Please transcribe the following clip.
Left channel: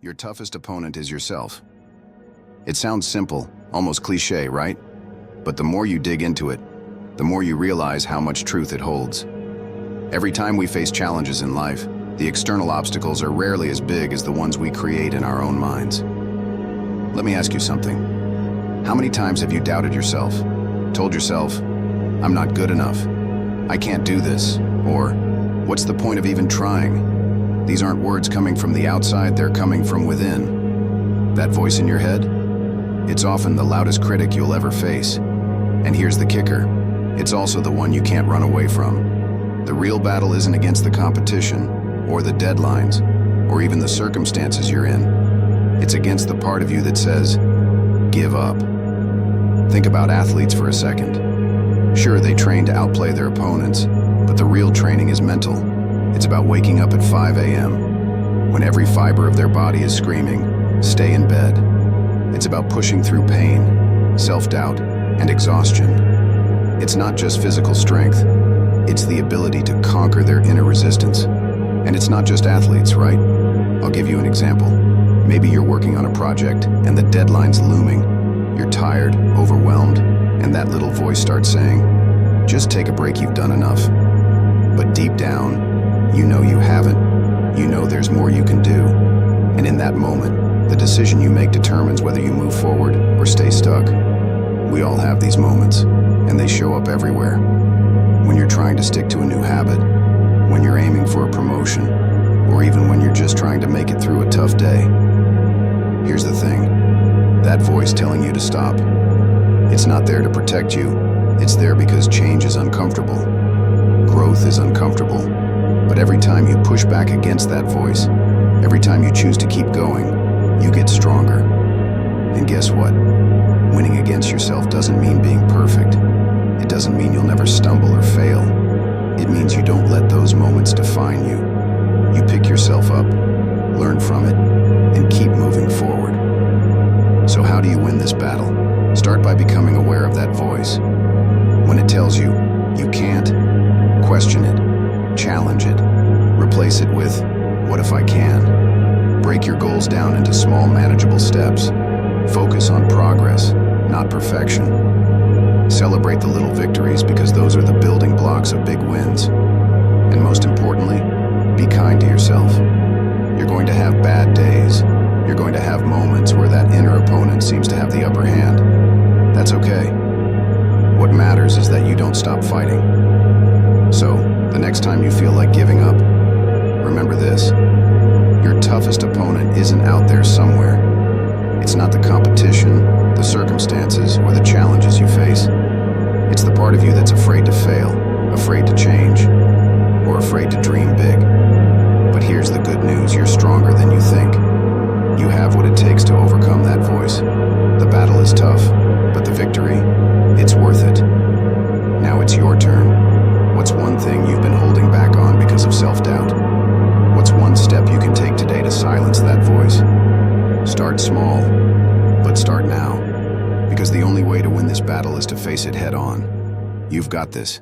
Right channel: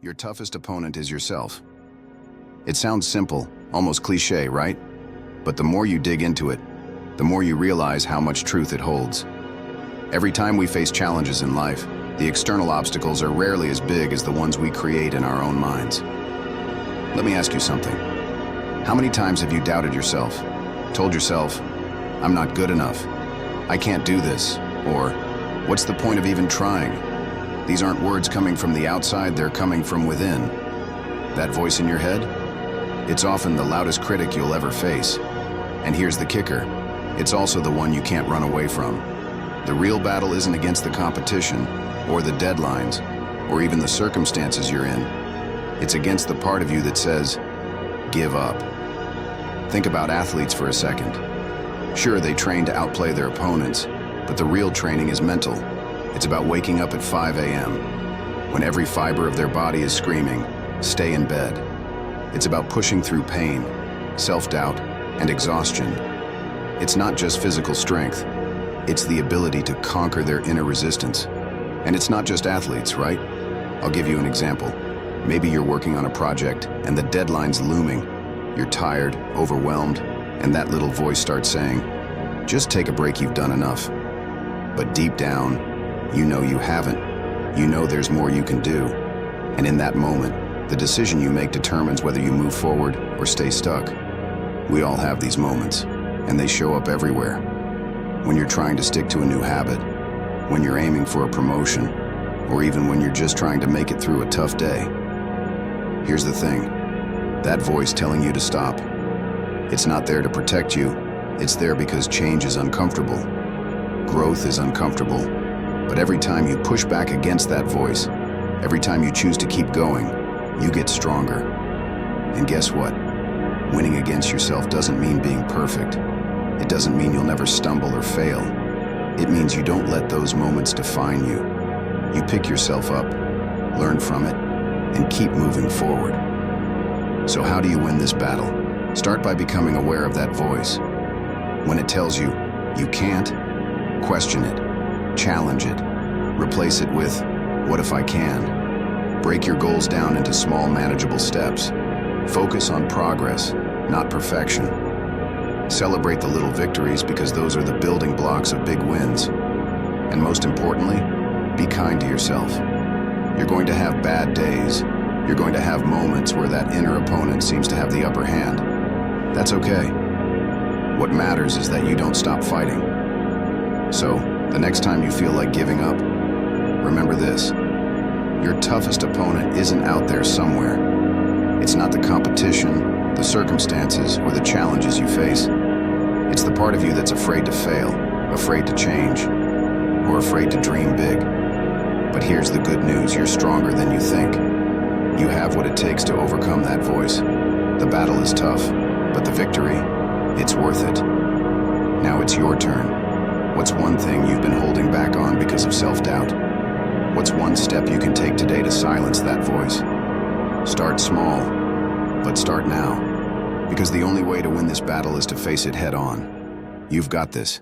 Your toughest opponent is yourself. It sounds simple, almost cliché, right? But the more you dig into it, the more you realize how much truth it holds. Every time we face challenges in life, the external obstacles are rarely as big as the ones we create in our own minds. Let me ask you something. How many times have you doubted yourself? Told yourself, "I'm not good enough. I can't do this," or "What's the point of even trying?" These aren't words coming from the outside, they're coming from within. That voice in your head? It's often the loudest critic you'll ever face. And here's the kicker. It's also the one you can't run away from. The real battle isn't against the competition, or the deadlines, or even the circumstances you're in. It's against the part of you that says, "Give up." Think about athletes for a second. Sure, they train to outplay their opponents, but the real training is mental. It's about waking up at 5 a.m. when every fiber of their body is screaming, "Stay in bed." It's about pushing through pain, self-doubt, and exhaustion. It's not just physical strength, it's the ability to conquer their inner resistance. And it's not just athletes, right? I'll give you an example. Maybe you're working on a project and the deadline's looming. You're tired, overwhelmed, and that little voice starts saying, "Just take a break, you've done enough." But deep down, you know you haven't. You know there's more you can do. And in that moment, the decision you make determines whether you move forward or stay stuck. We all have these moments, and they show up everywhere. When you're trying to stick to a new habit, when you're aiming for a promotion, or even when you're just trying to make it through a tough day. Here's the thing, that voice telling you to stop, it's not there to protect you, it's there because change is uncomfortable. Growth is uncomfortable. But every time you push back against that voice, every time you choose to keep going, you get stronger. And guess what? Winning against yourself doesn't mean being perfect. It doesn't mean you'll never stumble or fail. It means you don't let those moments define you. You pick yourself up, learn from it, and keep moving forward. So how do you win this battle? Start by becoming aware of that voice. When it tells you, "You can't," question it, challenge it, replace it with, "What if I can?" Break your goals down into small, manageable steps. Focus on progress, not perfection. Celebrate the little victories because those are the building blocks of big wins. And most importantly, be kind to yourself. You're going to have bad days. You're going to have moments where that inner opponent seems to have the upper hand. That's okay. What matters is that you don't stop fighting. So, the next time you feel like giving up, remember this. Your toughest opponent isn't out there somewhere. It's not the competition, the circumstances, or the challenges you face. It's the part of you that's afraid to fail, afraid to change, or afraid to dream big. But here's the good news, you're stronger than you think. You have what it takes to overcome that voice. The battle is tough, but the victory, it's worth it. Now it's your turn. What's one thing you've been holding back on because of self-doubt? What's one step you can take today to silence that voice? Start small, but start now. Because the only way to win this battle is to face it head on. You've got this.